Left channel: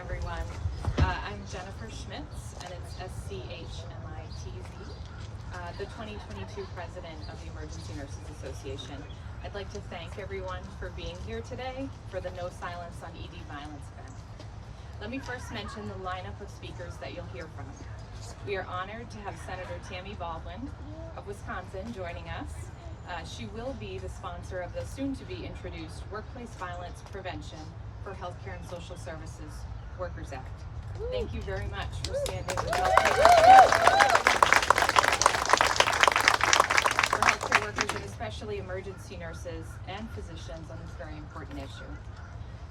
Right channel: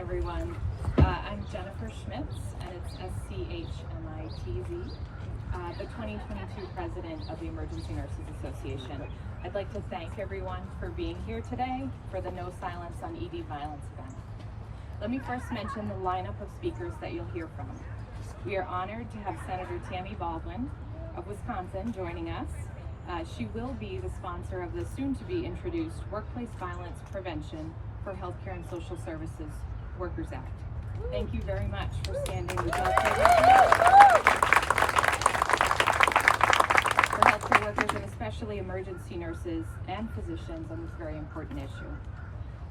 everyone. I'm Jennifer Schmitz, and it's SCHMITZ, the 2022 president of the Emergency Nurses Association. I'd like to thank everyone for being here today for the No Silence on ED Violence event. Let me first mention the lineup of speakers that you'll hear from. We are honored to have Senator Tammy Baldwin of Wisconsin joining us. She will be the sponsor of the soon-to-be introduced Workplace Violence Prevention for Healthcare and Social Services Workers Act. Thank you very much for standing with healthcare workers and especially emergency nurses and physicians on this very important issue.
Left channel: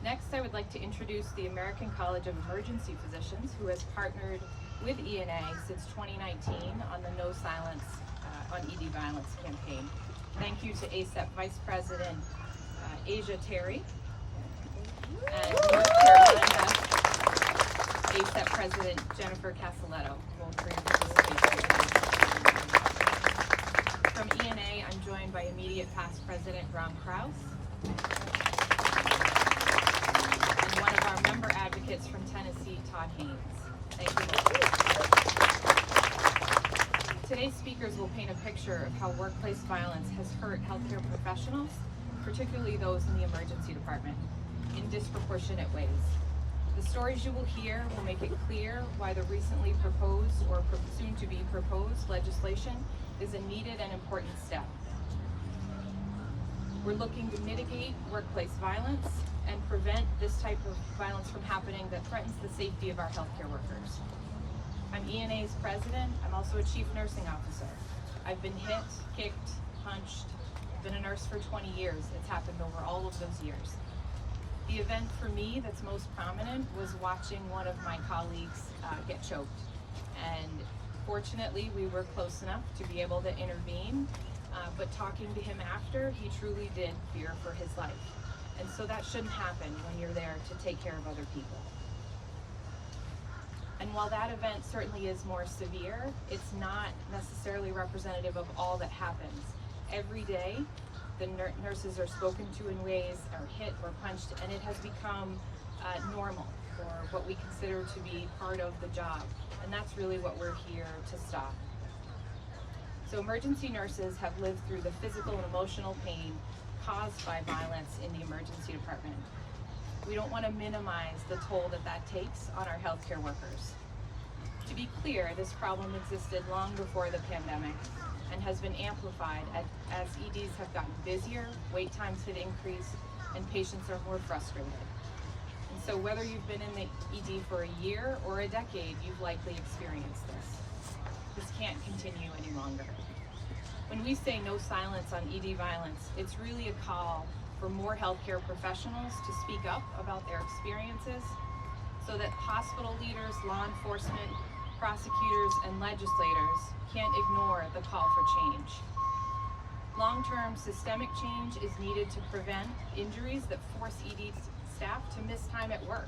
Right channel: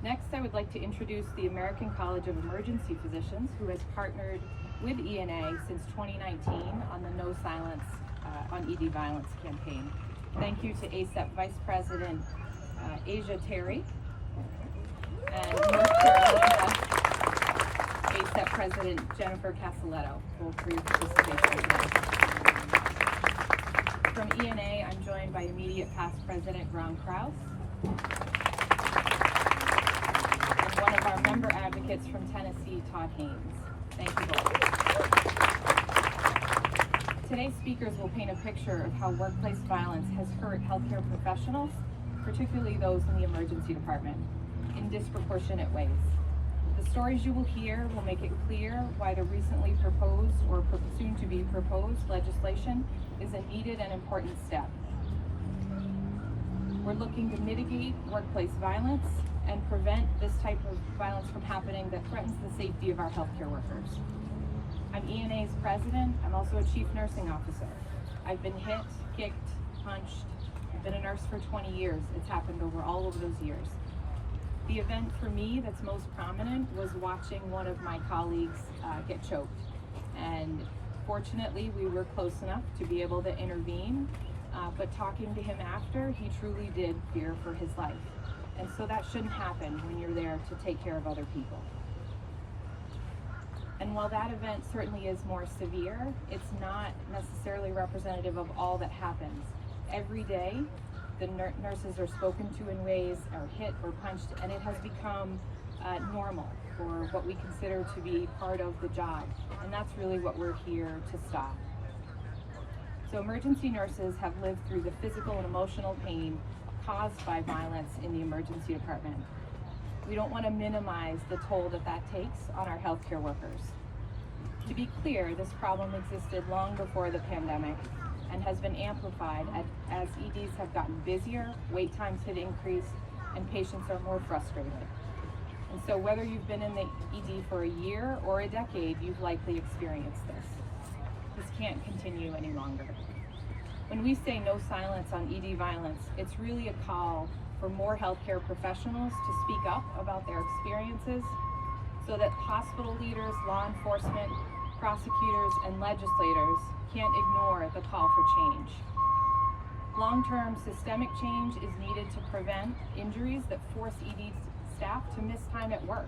Next, I would like to introduce the American College of Emergency Physicians, who has partnered with ENA since 2019 on the No Silence on ED Violence campaign. Thank you to ACEP Vice President Aisha Terry and North Carolina ACEP President Jennifer Castilleto, who will for your participation today. From ENA, I'm joined by immediate past President Krause and one of our member advocates from Tennessee, Todd Haynes. Thank you both. Today's speakers will paint a picture of how workplace violence has hurt healthcare professionals, particularly those in the emergency department, in disproportionate ways. The stories you will hear will make it clear why the recently proposed or soon to be proposed legislation is a needed and important step. We're looking to mitigate workplace violence and prevent this type of violence from happening that threatens the safety of our healthcare workers. I'm ENA's president. I'm also a chief nursing officer. I've been hit, kicked, punched. I've been a nurse for 20 years. It's happened over all of those years. The event for me that's most prominent was watching one of my colleagues get choked. And fortunately, we were close enough to be able to intervene. But talking to him after, he truly did fear for his life. And so that shouldn't happen when you're there to take care of other people. And while that event certainly is more severe, it's not necessarily representative of all that happens. Every day, the nurses are spoken to in ways, are hit or punched, and it has become normal, or what we consider to be part of the job. And that's really what we're here to stop. So emergency nurses have lived through the physical and emotional pain caused by violence in the emergency department. We don't want to minimize the toll that takes on our healthcare workers. To be clear, this problem existed long before the pandemic and has been amplified as EDs have gotten busier, wait times have increased, and patients are more frustrated. And so whether you've been in the ED for a year or a decade, you've likely experienced this. This can't continue any longer. When we say no silence on ED violence, it's really a call for more healthcare professionals to speak up about their experiences so that hospital leaders, law enforcement, prosecutors, and legislators can't ignore the call for change. Long-term systemic change is needed to prevent injuries that force ED staff to miss time at work.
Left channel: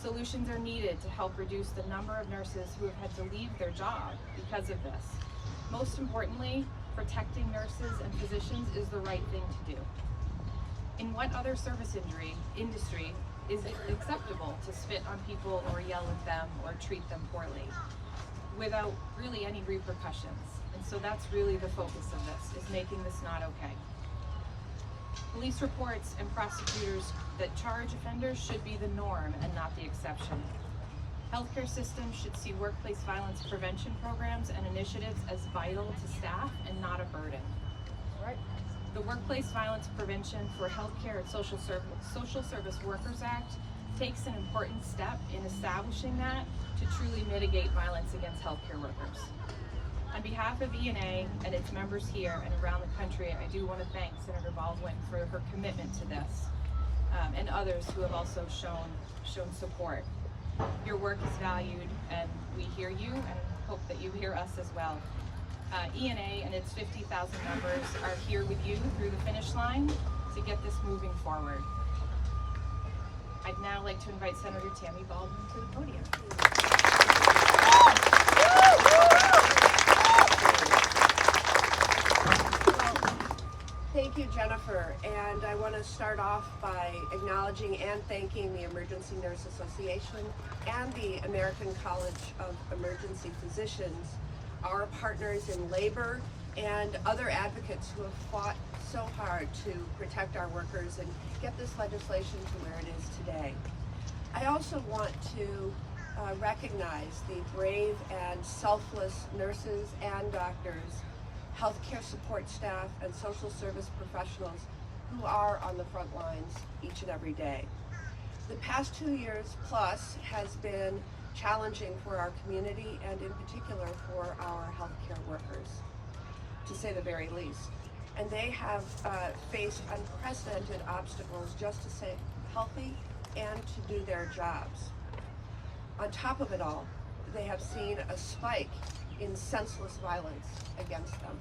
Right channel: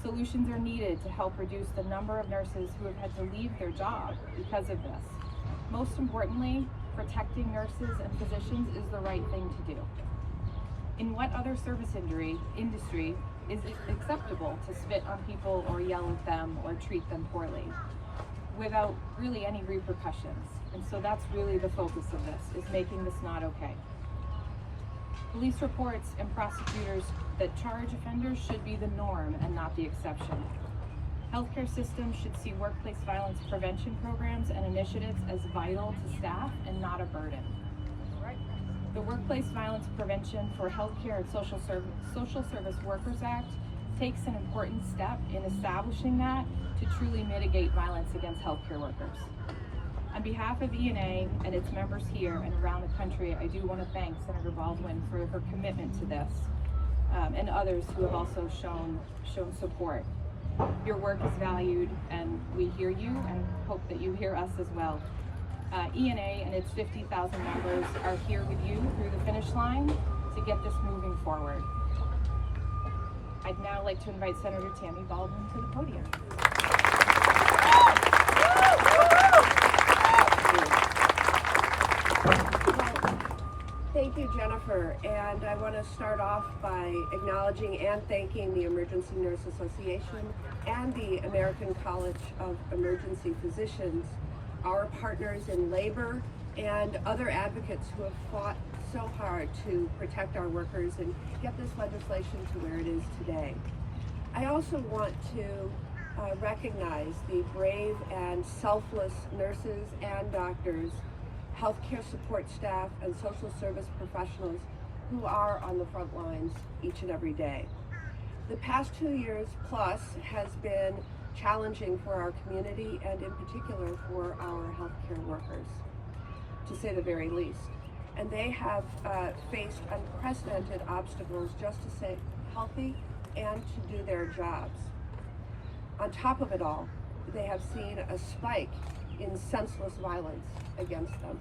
Solutions are needed to help reduce the number of nurses who have had to leave their job because of this. Most importantly, protecting nurses and physicians is the right thing to do. In what other service industry is it acceptable to spit on people or yell at them or treat them poorly without really any repercussions? And so that's really the focus of this, is making this not okay. Police reports and prosecutors that charge offenders should be the norm and not the exception. Healthcare systems should see workplace violence prevention programs and initiatives as vital to staff and not a burden. The Workplace Violence Prevention for Healthcare and Social Service Workers Act takes an important step in establishing that to truly mitigate violence against healthcare workers. On behalf of ENA and its members here and around the country, I do want to thank Senator Baldwin for her commitment to this, and others who have also shown support. Your work is valued, and we hear you and hope that you hear us as well. ENA and its 50,000 members are here with you through the finish line to get this moving forward. I'd now like to invite Senator Tammy Baldwin to the podium. Well, thank Thank you, Jennifer. And I want to start off by acknowledging and thanking the Emergency Nurse Association and the American College of Emergency Physicians, our partners in labor, and other advocates who have fought so hard to protect our workers and get this legislation to where it is today. I also want to recognize the brave and selfless nurses and doctors, healthcare support staff, and social service professionals who are on the front lines each and every day. The past 2 years plus has been challenging for our community and in particular for our healthcare workers, to say the very least. And they have faced unprecedented obstacles just to stay healthy and to do their jobs. On top of it all, they have seen a spike in senseless violence against them.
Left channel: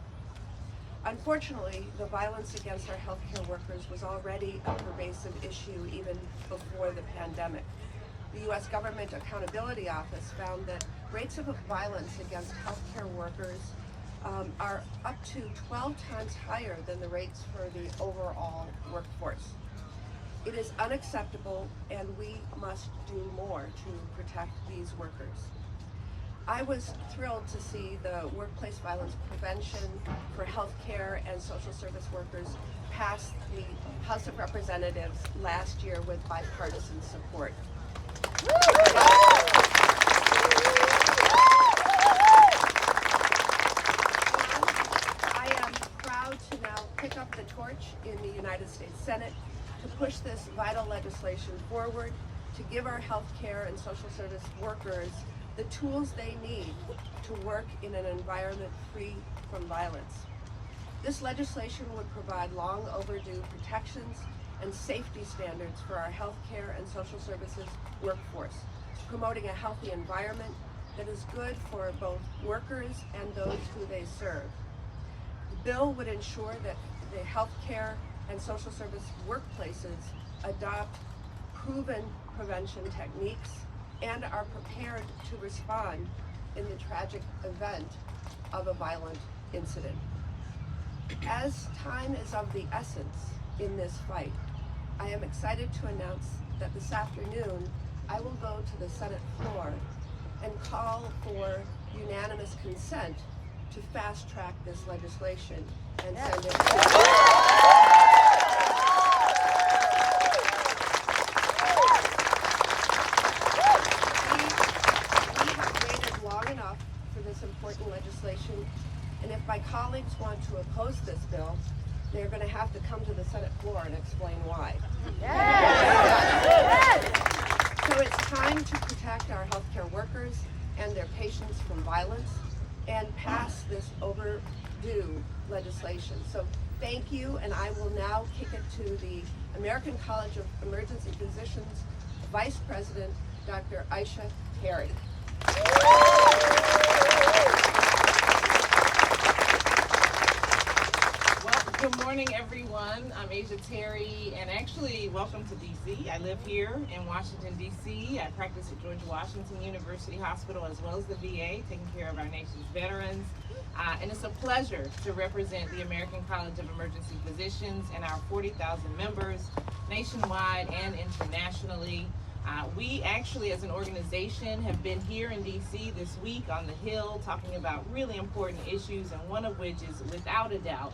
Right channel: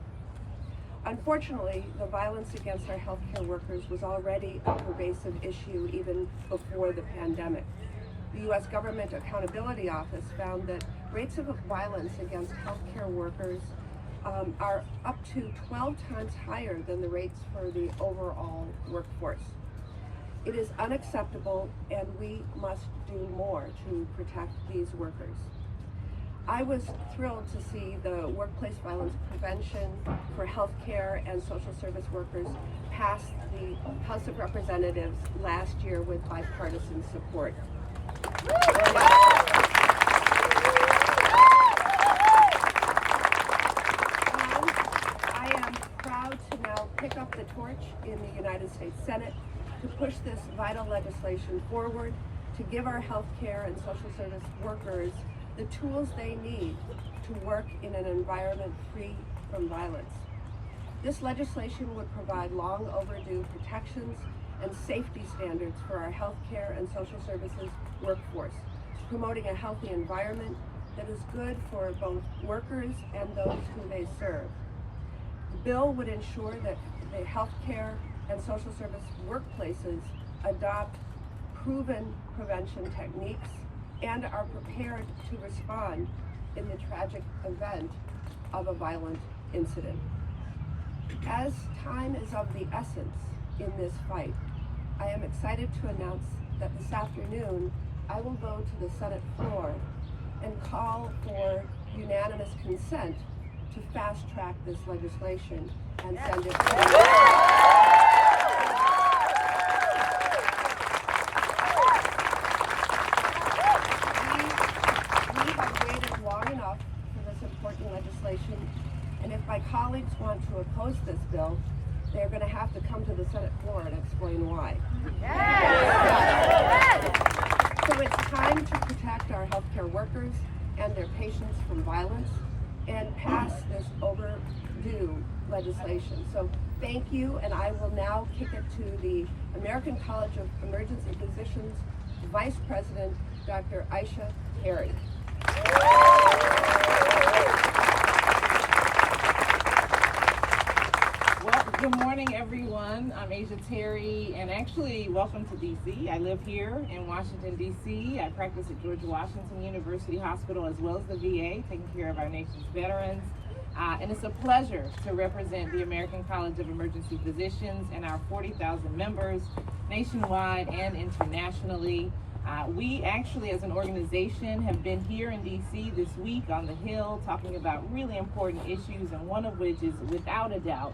Unfortunately, the violence against our healthcare workers was already a pervasive issue even before the pandemic. The U.S. Government Accountability Office found that rates of violence against healthcare workers are up to 12 times higher than the rates for the overall workforce. It is unacceptable, and we must do more to protect these workers. I was thrilled to see the Workplace Violence Prevention for Healthcare and Social Service Workers pass the House of Representatives last year with bipartisan support. I am proud to now pick up the torch in the United States Senate to push this vital legislation forward, to give our healthcare and social service workers the tools they need to work in an environment free from violence. This legislation would provide long overdue protections and safety standards for our healthcare and social services workforce, promoting a healthy environment that is good for both workers and those who they serve. The bill would ensure that the healthcare and social service workplaces adopt proven prevention techniques and are prepared to respond in the tragic event of a violent incident. As time is of the essence in this fight, I am excited to announce that this afternoon I will go to the Senate floor and call for unanimous consent to fast track this legislation and send it to important legislation, and if my colleagues want to oppose this bill, they're going to have to come to the Senate floor and explain why. So it's time to protect our healthcare workers and their patients from violence and pass this overdue legislation. So thank you, and I will now kick it to the American College of Emergency Physicians Vice President, Dr. Aisha Terry. Well, good morning, everyone. I'm Aisha Terry, and actually, welcome to DC. I live here in Washington, DC. I practice at George Washington University Hospital as well as the VA, taking care of our nation's veterans. And it's a pleasure to represent the American College of Emergency Physicians and our 40,000 members nationwide and internationally. We actually, as an organization, have been here in DC this week on the Hill talking about really important issues, and one of which is, without a doubt,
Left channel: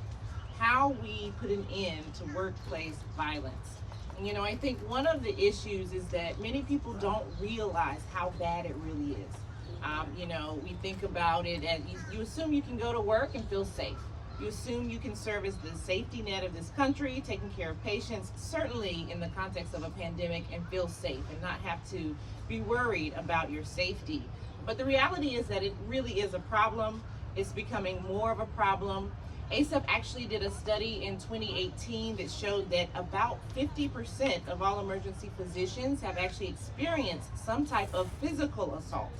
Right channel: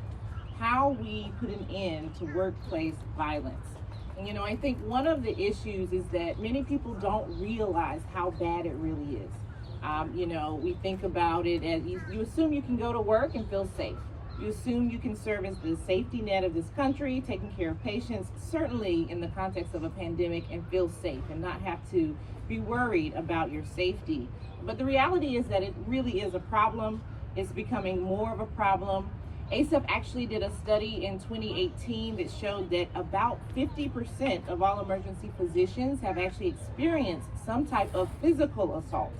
how we put an end to workplace violence. And I think one of the issues is that many people don't realize how bad it really is. We think about it as you assume you can go to work and feel safe. You assume you can serve as the safety net of this country, taking care of patients, certainly in the context of a pandemic, and feel safe and not have to be worried about your safety. But the reality is that it really is a problem. It's becoming more of a problem. ACEP actually did a study in 2018 that showed that about 50% of all emergency physicians have actually experienced some type of physical assault,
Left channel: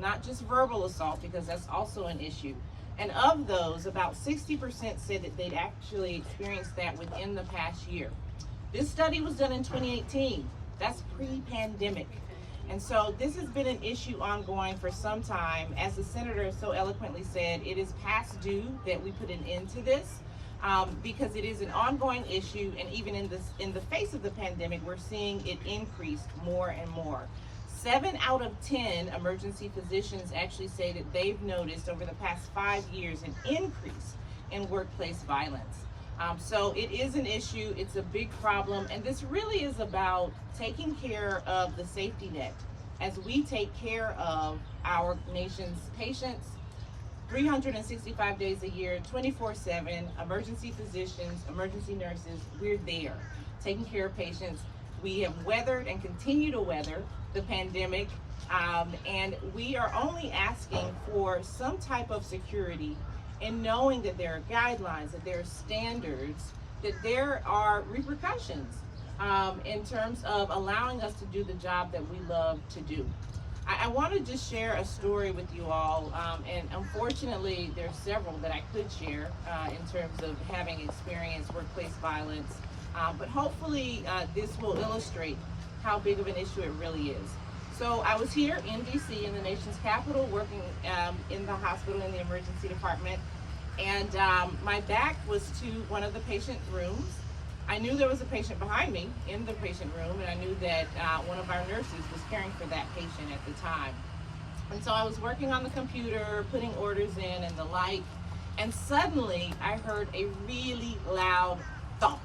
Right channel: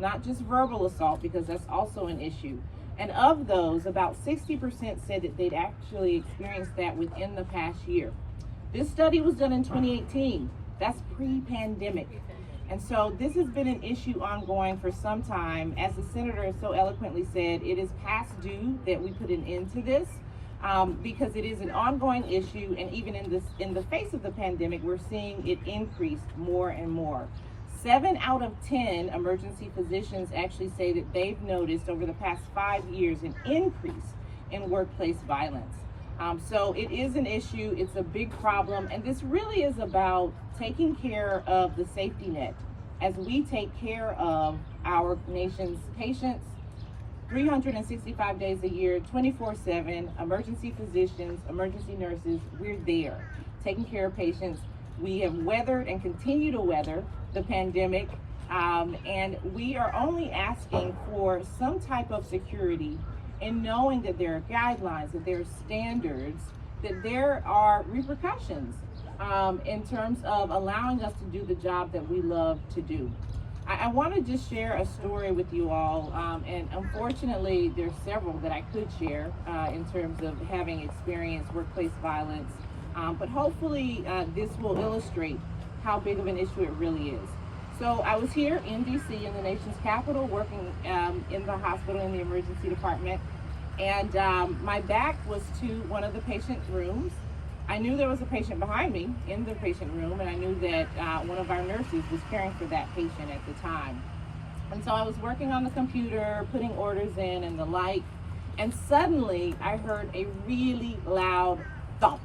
not just verbal assault, because that's also an issue. And of those, about 60% said that they'd actually experienced that within the past year. This study was done in 2018. That's pre-pandemic. And so this has been an issue ongoing for some time. As the senator so eloquently said, it is past due that we put an end to this. because it is an ongoing issue, and even in the face of the pandemic, we're seeing it increase more and more. 7 out of 10 emergency physicians actually say that they've noticed over the past 5 years an increase in workplace violence. So it is an issue, it's a big problem, and this really is about taking care of the safety net as we take care of our nation's patients 365 days a year, 24/7, emergency physicians, emergency nurses, we're there taking care of patients. We have weathered and continue to weather the pandemic, and we are only asking for some type of security in knowing that there are guidelines, that there are standards, that there are repercussions in terms of allowing us to do the job that we love to do. I want to just share a story with you all, and unfortunately there's several that I could share in terms of having experienced workplace violence, but hopefully this will illustrate how big of an issue it really is. So I was here in DC, in the nation's capital, working in the hospital in the emergency department, and my back was to one of the patient rooms. I knew there was a patient behind me in the patient room, and I knew that one of our nurses was caring for that patient at the time. And so I was working on the computer, putting orders in and the like, and suddenly I heard a really loud thump.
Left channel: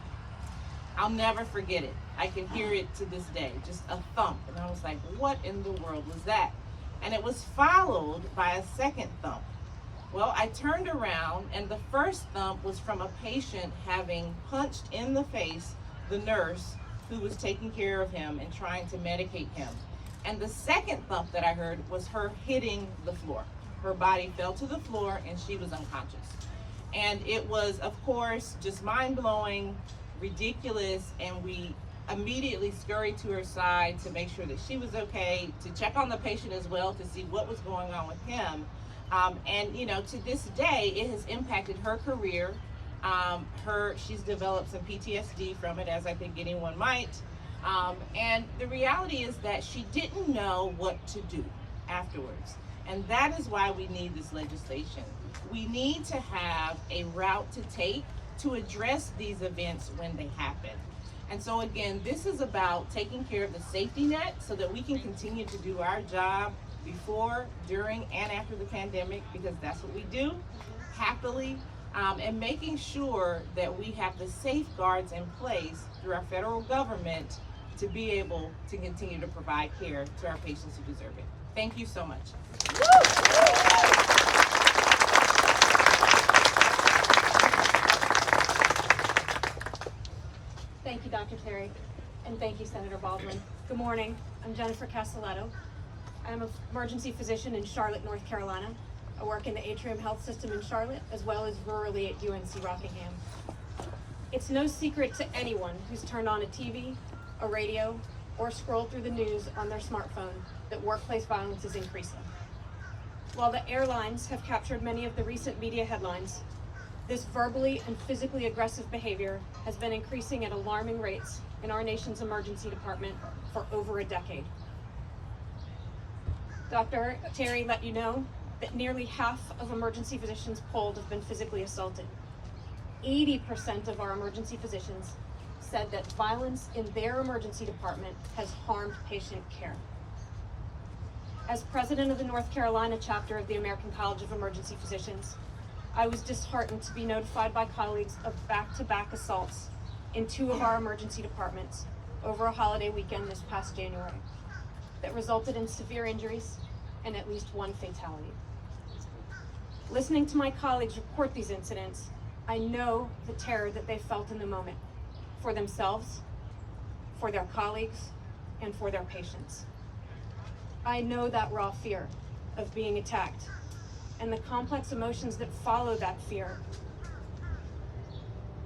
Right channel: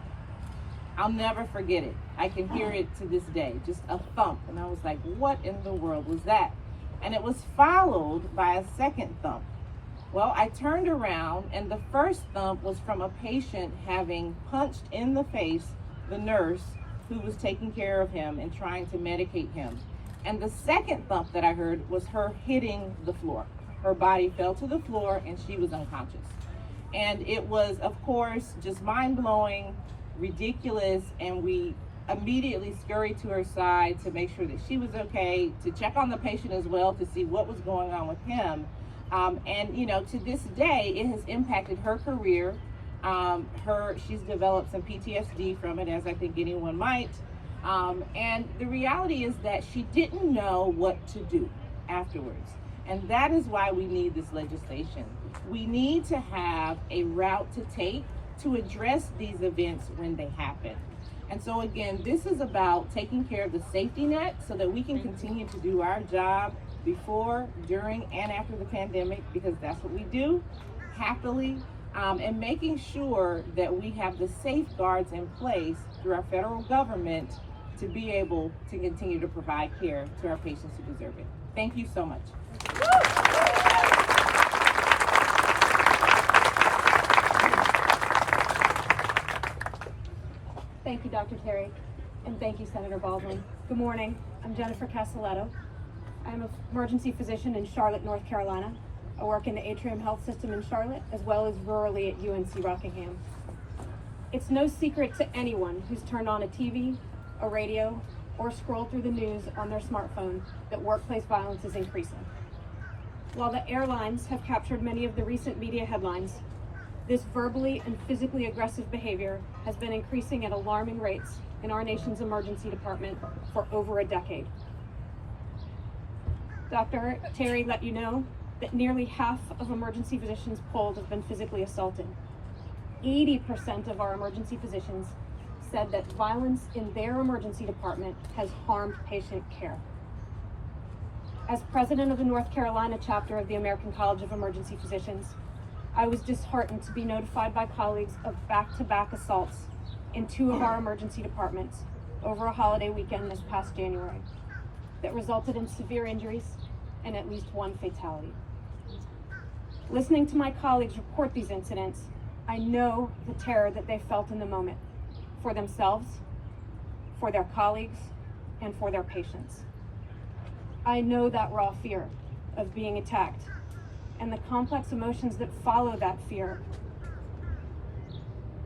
I'll never forget it. I can hear it to this day, just a thump. And I was like, what in the world was that? And it was followed by a second thump. Well, I turned around, and the first thump was from a patient having punched in the face the nurse who was taking care of him and trying to medicate him. And the second thump that I heard was her hitting the floor. Her body fell to the floor and she was unconscious. And it was, of course, just mind-blowing, ridiculous, and we immediately scurried to her side to make sure that she was okay, to check on the patient as well to see what was going on with him. And you know, to this day, it has impacted her career. She's developed some PTSD from it, as I think anyone might. And the reality is that she didn't know what to do afterwards. And that is why we need this legislation. We need to have a route to take to address these events when they happen. And so again, this is about taking care of the safety net so that we can continue to do our job before, during, and after the pandemic, because that's what we do happily, and making sure that we have the safeguards in place through our federal government to be able to continue to provide care to our patients who deserve it. Thank you so much. Thank you, Dr. Terry, and thank you, Senator Baldwin. Good morning. I'm Jennifer Castilleto. I'm an emergency physician in Charlotte, North Carolina. I work in the Atrium Health System in Charlotte, as well as rurally at UNC Rockingham. It's no secret to anyone who's turned on a TV, a radio, or scrolled through the news on their smartphone that workplace violence is increasing. While the airlines have captured many of the recent media headlines, this verbally and physically aggressive behavior has been increasing at alarming rates in our nation's emergency department for over a decade. Dr. Terry let you know that nearly half of emergency physicians polled have been physically assaulted. 80% of our emergency physicians said that violence in their emergency department has harmed patient care. As president of the North Carolina chapter of the American College of Emergency Physicians, I was disheartened to be notified by colleagues of back-to-back assaults in 2 of our emergency departments over a holiday weekend this past January that resulted in severe injuries and at least 1 fatality. Listening to my colleagues report these incidents, I know the terror that they felt in the moment for themselves, for their colleagues, and for their patients. I know that raw fear of being attacked and the complex emotions that follow that fear.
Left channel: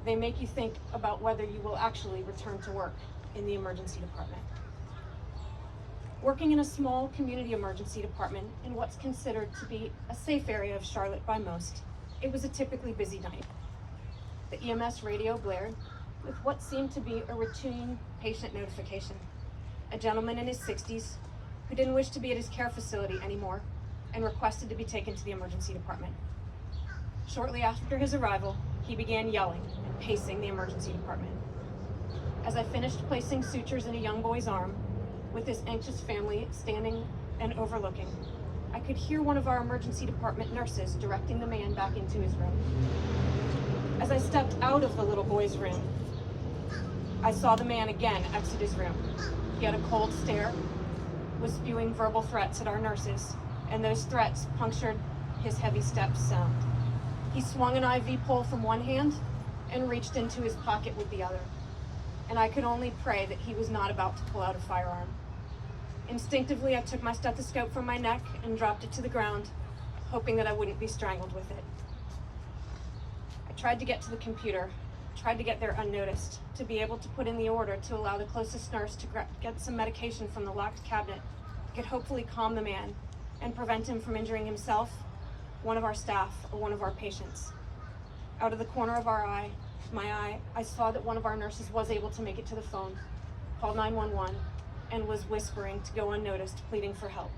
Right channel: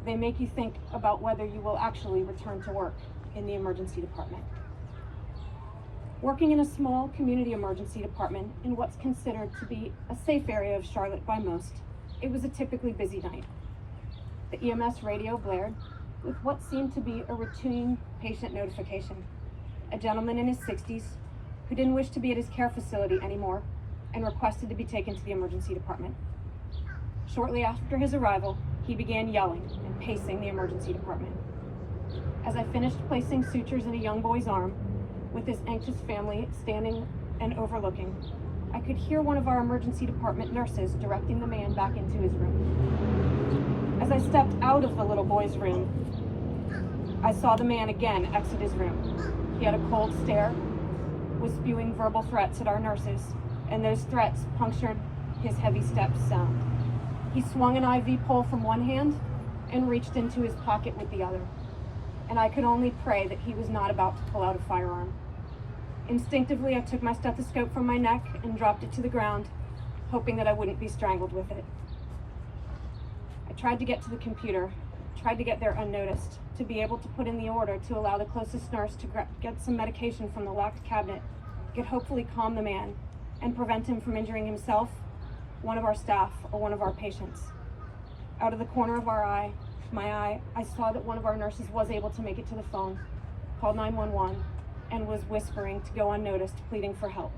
They make you think about whether you will actually return to work in the emergency department. Working in a small community emergency department in what's considered to be a safe area of Charlotte by most, it was a typically busy night. The EMS radio blared with what seemed to be a routine patient notification. A gentleman in his 60s who didn't wish to be at his care facility anymore and requested to be taken to the emergency department. Shortly after his arrival, he began yelling and pacing the emergency department. As I finished placing sutures in a young boy's arm, with his anxious family standing and overlooking, I could hear one of our emergency department nurses directing the man back into his room. As I stepped out of the little boy's room, I saw the man again exit his room. He had a cold stare, was spewing verbal threats at our nurses, and those threats punctured his heavy steps sound. He swung an IV pole from one hand and reached into his pocket with the other, and I could only pray that he was not about to pull out a firearm. Instinctively, I took my stethoscope from my neck and dropped it to the ground, hoping that I wouldn't be strangled with it. I tried to get to the computer, tried to get there unnoticed, to be able to put in the order to allow the closest nurse to get some medication from the locked cabinet that could hopefully calm the man and prevent him from injuring himself, one of our staff, or one of our patients. Out of the corner of my eye, I saw that one of our nurses was able to make it to the phone, called 911, and was whispering to go unnoticed, pleading for help.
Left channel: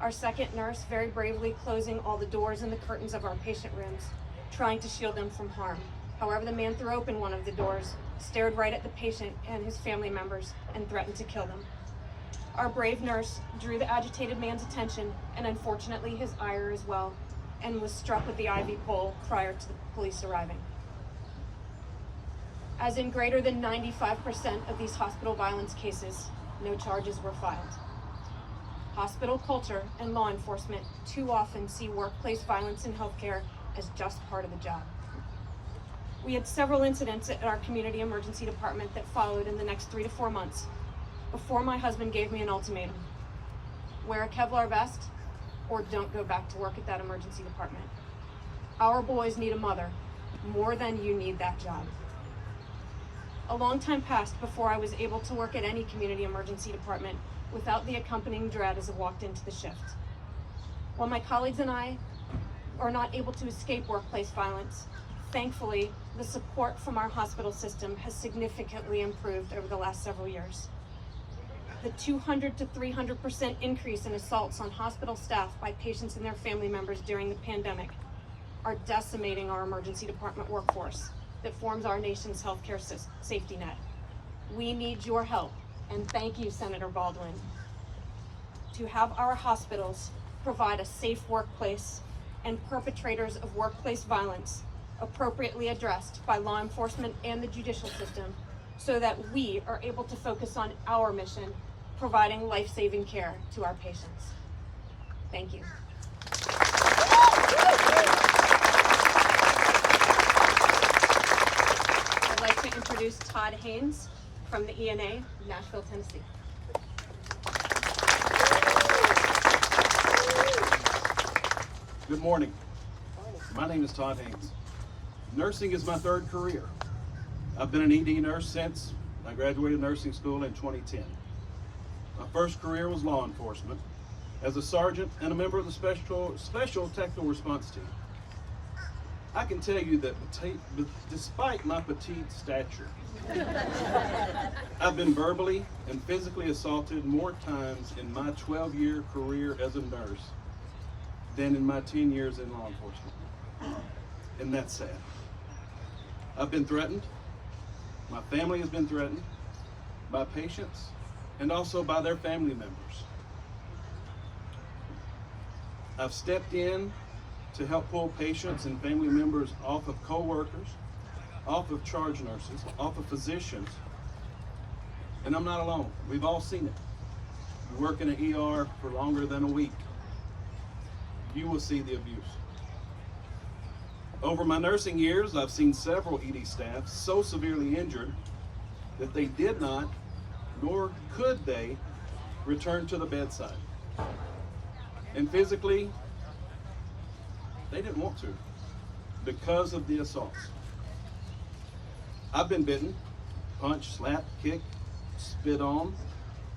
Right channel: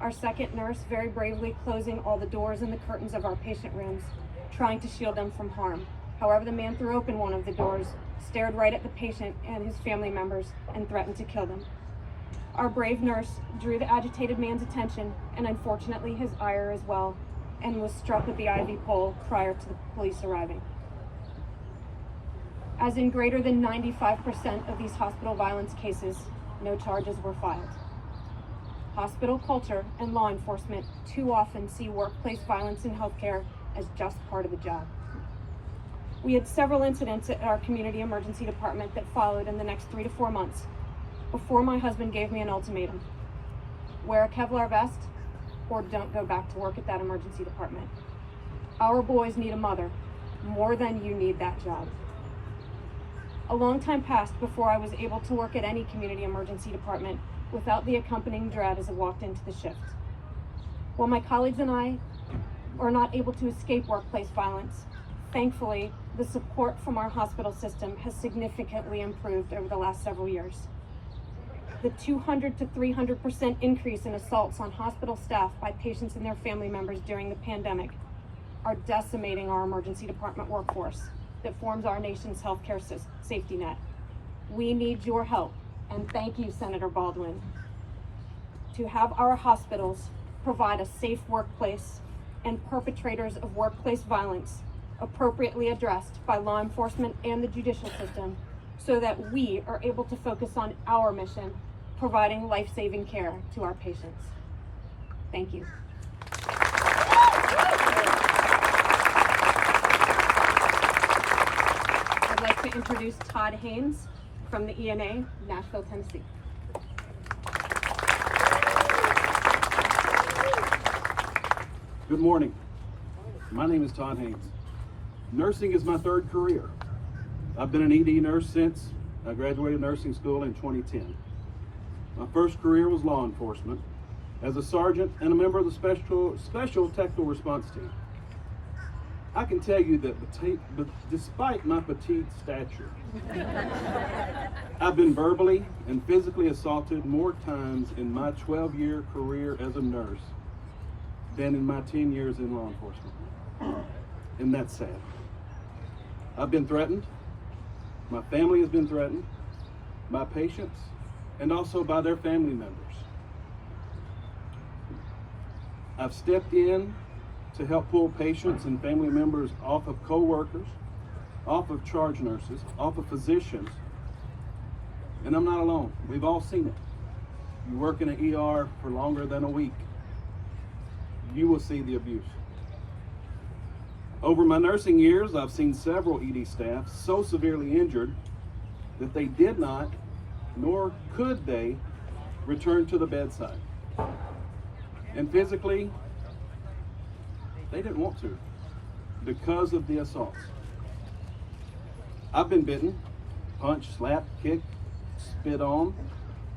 Our second nurse very bravely closing all the doors and the curtains of our patient rooms, trying to shield them from harm. However, the man threw open one of the doors, stared right at the patient and his family members, and threatened to kill them. Our brave nurse drew the agitated man's attention, and unfortunately his ire as well, and was struck with the IV pole prior to the police arriving. As in greater than 95% of these hospital violence cases, no charges were filed. Hospital culture and law enforcement too often see workplace violence in healthcare as just part of the job. We had several incidents at our community emergency department that followed in the next 3 to 4 months before my husband gave me an ultimatum. Wear a Kevlar vest or don't go back to work at that emergency department. Our boys need a mother more than you need that job. A long time passed before I was able to work at any community emergency department without the accompanying dread as I walked into the shift. While my colleagues and I are not able to escape workplace violence, thankfully, the support from our hospital system has significantly improved over the last several years. The 200 to 300% increase in assaults on hospital staff by patients and their family members during the pandemic are decimating our emergency department workforce that forms our nation's healthcare safety net. We need your help, and thank you, Senator Baldwin, to have our hospitals provide a safe workplace and perpetrators of workplace violence appropriately addressed by law enforcement and the judicial system so that we are able to focus on our mission, providing life-saving care to our patients. Thank you. I'd like to introduce Todd Haynes from the ENA, Nashville, Tennessee. Good morning. My name is Todd Haynes. Nursing is my third career. I've been an ED nurse since I graduated nursing school in 2010. My first career was law enforcement as a sergeant and a member of the special technical response team. I can tell you that despite my petite stature, I've been verbally and physically assaulted more times in my 12-year career as a nurse than in my 10 years in law enforcement. And that's sad. I've been threatened. My family has been threatened by patients and also by their family members. I've stepped in to help pull patients and family members off of co-workers, off of charge nurses, off of physicians. And I'm not alone. We've all seen it. You work in an ER for longer than a week, you will see the abuse. Over my nursing years, I've seen several ED staff so severely injured that they did not, nor could they, return to the bedside. And physically, they didn't want to because of the assaults. I've been bitten, punched, slapped, kicked, spit on,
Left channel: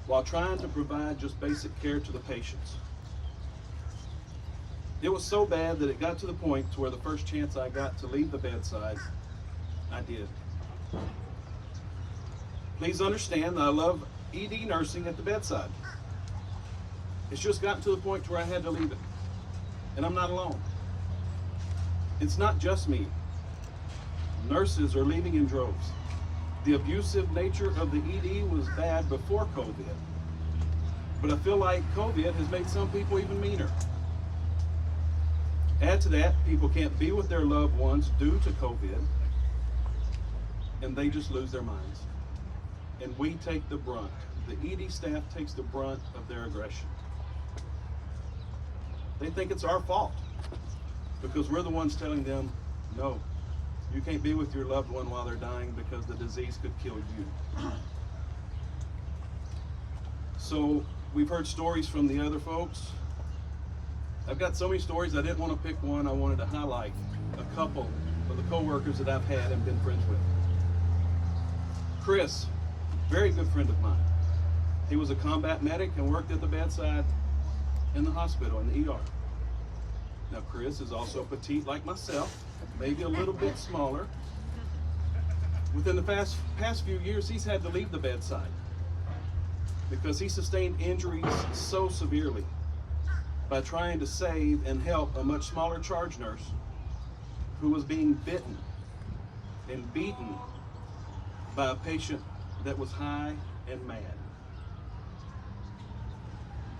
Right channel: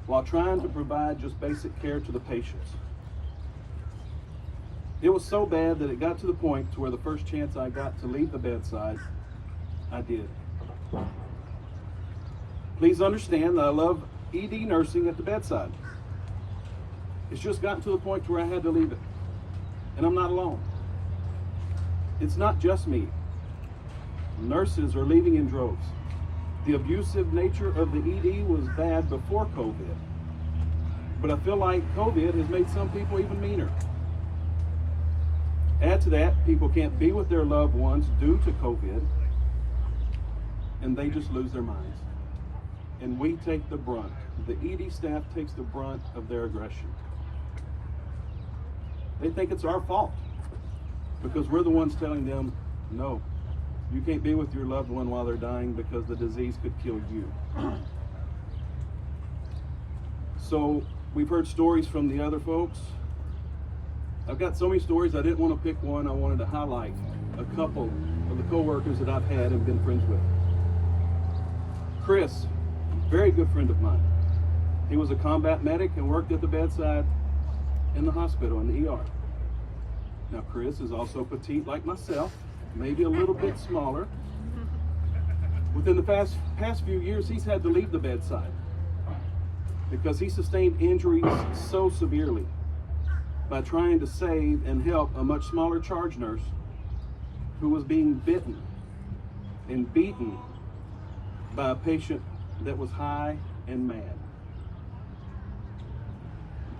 while trying to provide just basic care to the patients. It was so bad that it got to the point to where the first chance I got to leave the bedside, I did. Please understand that I love ED nursing at the bedside. It's just gotten to the point where I had to leave it. And I'm not alone. It's not just me. Nurses are leaving in droves. The abusive nature of the ED was bad before COVID. But I feel like COVID has made some people even meaner. Add to that, people can't be with their loved ones due to COVID, and they just lose their minds. And we take the brunt. The ED staff takes the brunt of their aggression. They think it's our fault because we're the ones telling them, no, you can't be with your loved one while they're dying because the disease could kill you. So we've heard stories from the other folks. I've got so many stories, I didn't want to pick one. I wanted to highlight a couple of the coworkers that I've had and been friends with. Chris, very good friend of mine. He was a combat medic and worked at the bedside in the hospital, in the ER. Now Chris is also petite like myself, maybe a little bit smaller. Within the past few years, he's had to leave the bedside because he sustained injuries so severely by trying to save and help a much smaller charge nurse who was being bitten and beaten by a patient that was high and mad.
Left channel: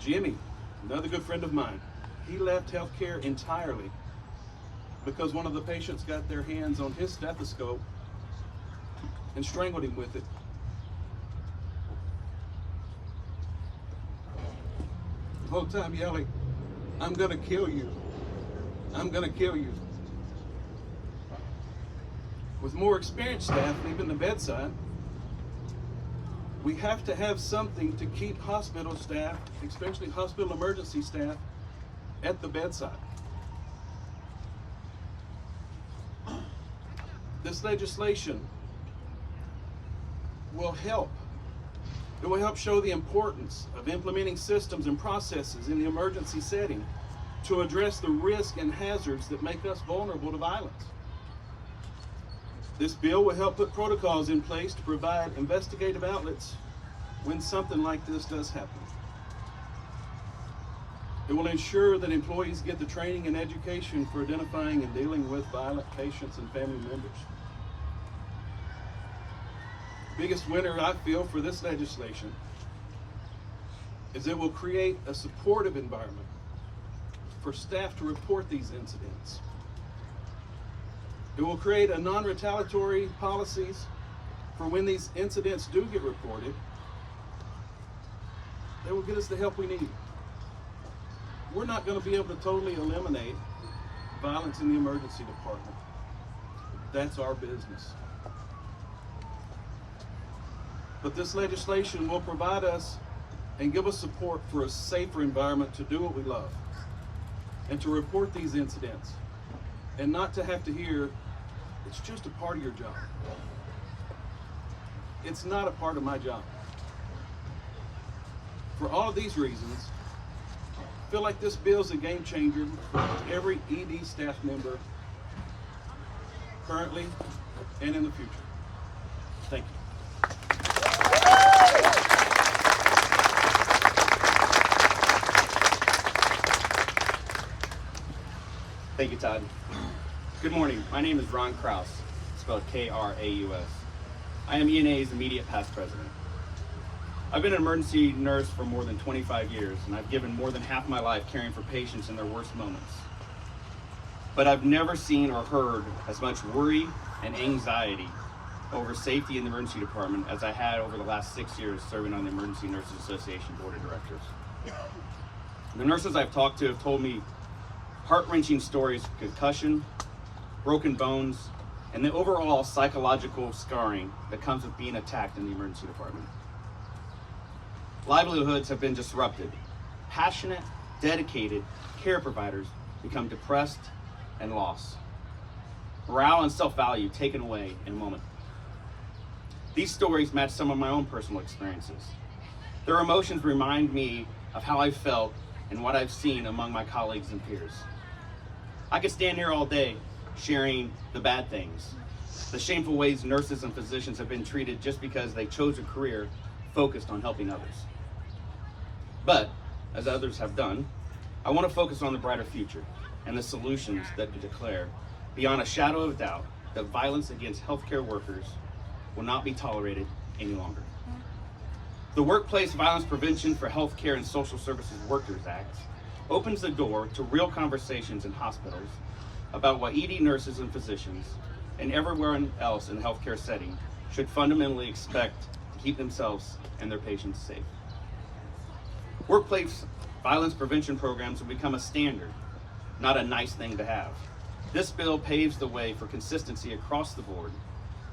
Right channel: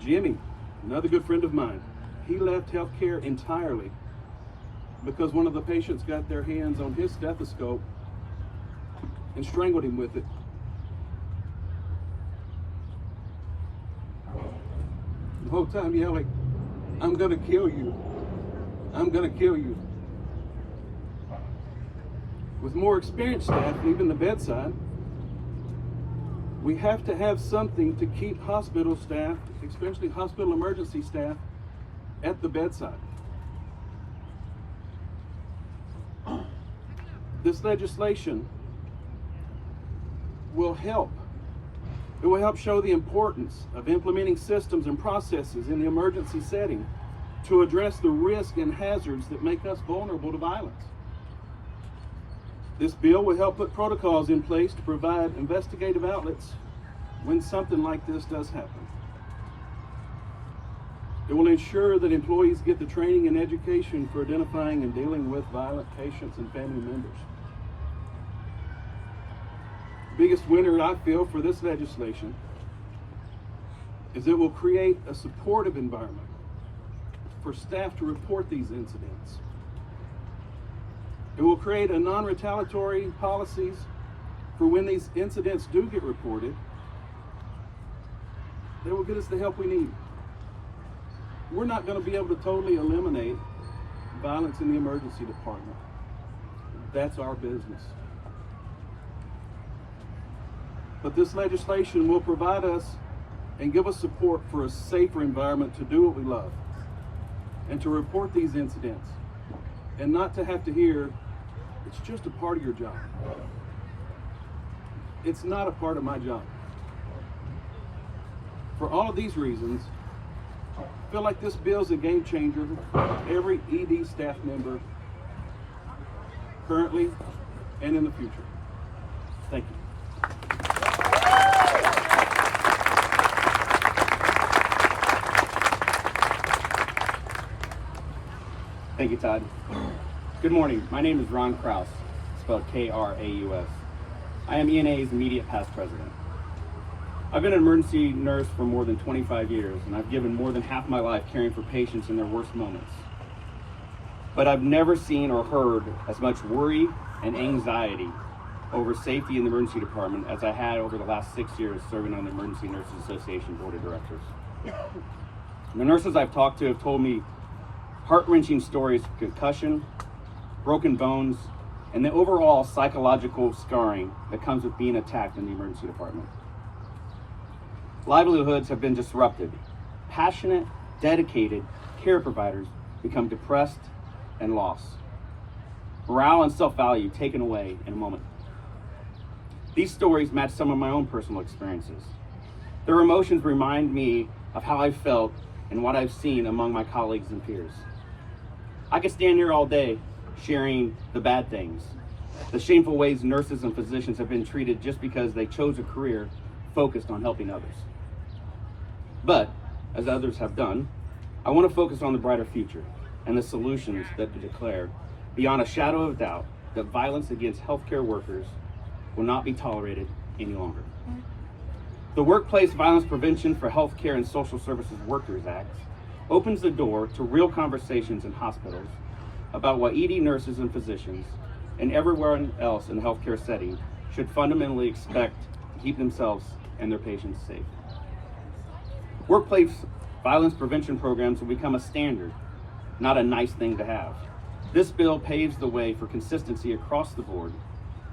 Jimmy, another good friend of mine, he left healthcare entirely because one of the patients got their hands on his stethoscope and strangled him with it. The whole time yelling, "I'm gonna kill you. I'm gonna kill you." With more experienced staff leaving the bedside, we have to have something to keep hospital staff, especially hospital emergency staff, at the bedside. This legislation will help. It will help show the importance of implementing systems and processes in the emergency setting to address the risk and hazards that make us vulnerable to violence. This bill will help put protocols in place to provide investigative outlets when something like this does happen. It will ensure that employees get the training and education for identifying and dealing with violent patients and family members. The biggest winner, I feel, for this legislation is it will create a supportive environment for staff to report these incidents. It will create a non-retaliatory policies for when these incidents do get reported. They will get us the help we need. We're not going to be able to totally eliminate violence in the emergency department. That's our business. But this legislation will provide us and give us support for a safer environment to do what we love and to report these incidents and not to have to hear, it's just a part of your job. It's not a part of my job. For all of these reasons, I feel like this bill is a game changer for every ED staff member currently and in the future. Thank you. Thank you, Todd. Good morning. My name is Ron Krause, spelled K-R-A-U-S. I am ENA's immediate past president. I've been an emergency nurse for more than 25 years, and I've given more than half my life caring for patients in their worst moments. But I've never seen or heard as much worry and anxiety over safety in the emergency department as I had over the last 6 years serving on the Emergency Nurses Association Board of Directors. The nurses I've talked to have told me heart-wrenching stories of concussion, broken bones, and the overall psychological scarring that comes with being attacked in the emergency department. Livelihoods have been disrupted. Passionate, dedicated care providers become depressed and lost. Morale and self-value taken away in a moment. These stories match some of my own personal experiences. Their emotions remind me of how I've felt and what I've seen among my colleagues and peers. I could stand here all day sharing the bad things, the shameful ways nurses and physicians have been treated just because they chose a career focused on helping others. But, as others have done, I want to focus on the brighter future and the solutions that declare, beyond a shadow of doubt, that violence against healthcare workers will not be tolerated any longer. The Workplace Violence Prevention for Healthcare and Social Services Workers Act opens the door to real conversations in hospitals about what ED nurses and physicians and everyone else in the healthcare setting should fundamentally expect to keep themselves and their patients safe. Workplace violence prevention programs will become a standard, not a nice thing to have. This bill paves the way for consistency across the board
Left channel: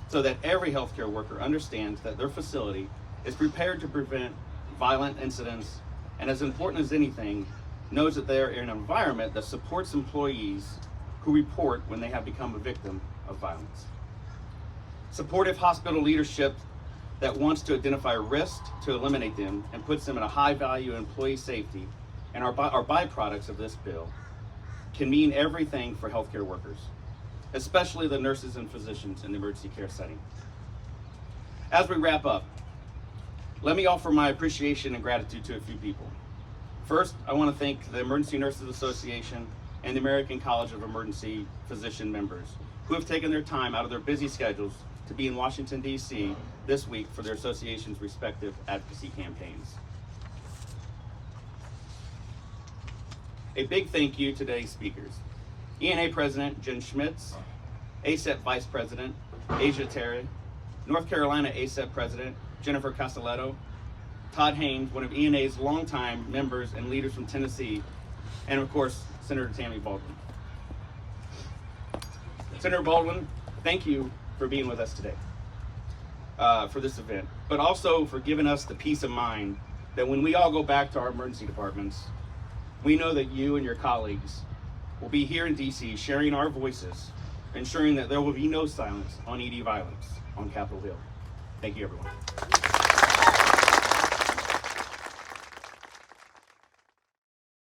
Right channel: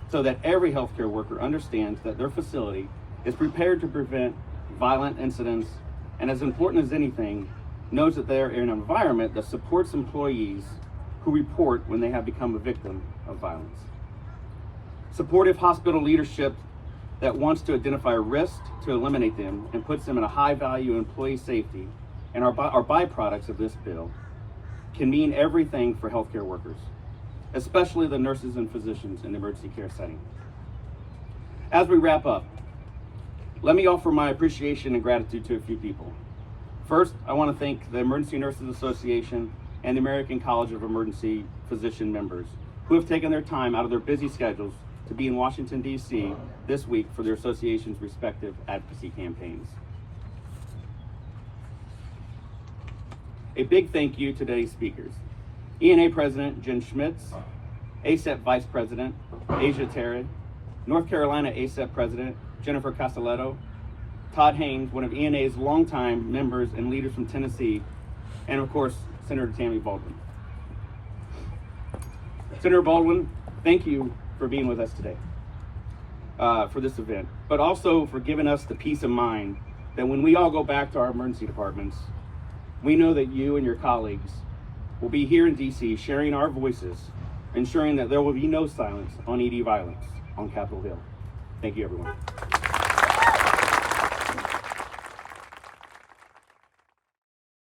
so that every healthcare worker understands that their facility is prepared to prevent violent incidents, and as important as anything, knows that they are in an environment that supports employees who report when they have become a victim of violence. Supportive hospital leadership that wants to identify risks to eliminate them and puts them in a high value employee safety and are byproducts of this bill can mean everything for healthcare workers, especially the nurses and physicians in the emergency care setting. As we wrap up, let me offer my appreciation and gratitude to a few people. First, I want to thank the Emergency Nurses Association and the American College of Emergency Physician members who have taken their time out of their busy schedules to be in Washington, D.C. this week for their association's respective advocacy campaigns. A big thank you to today's speakers. ENA President Jen Schmitz, ACEP Vice President Aisha Terry, North Carolina ACEP President Jennifer Castilleto, Todd Haynes, one of ENA's longtime members and leaders from Tennessee, and of course, Senator Tammy Baldwin. Senator Baldwin, thank you for being with us today for this event, but also for giving us the peace of mind that when we all go back to our emergency departments, we know that you and your colleagues will be here in DC sharing our voices, ensuring that there will be no silence on ED violence on Capitol Hill. Thank you, everyone.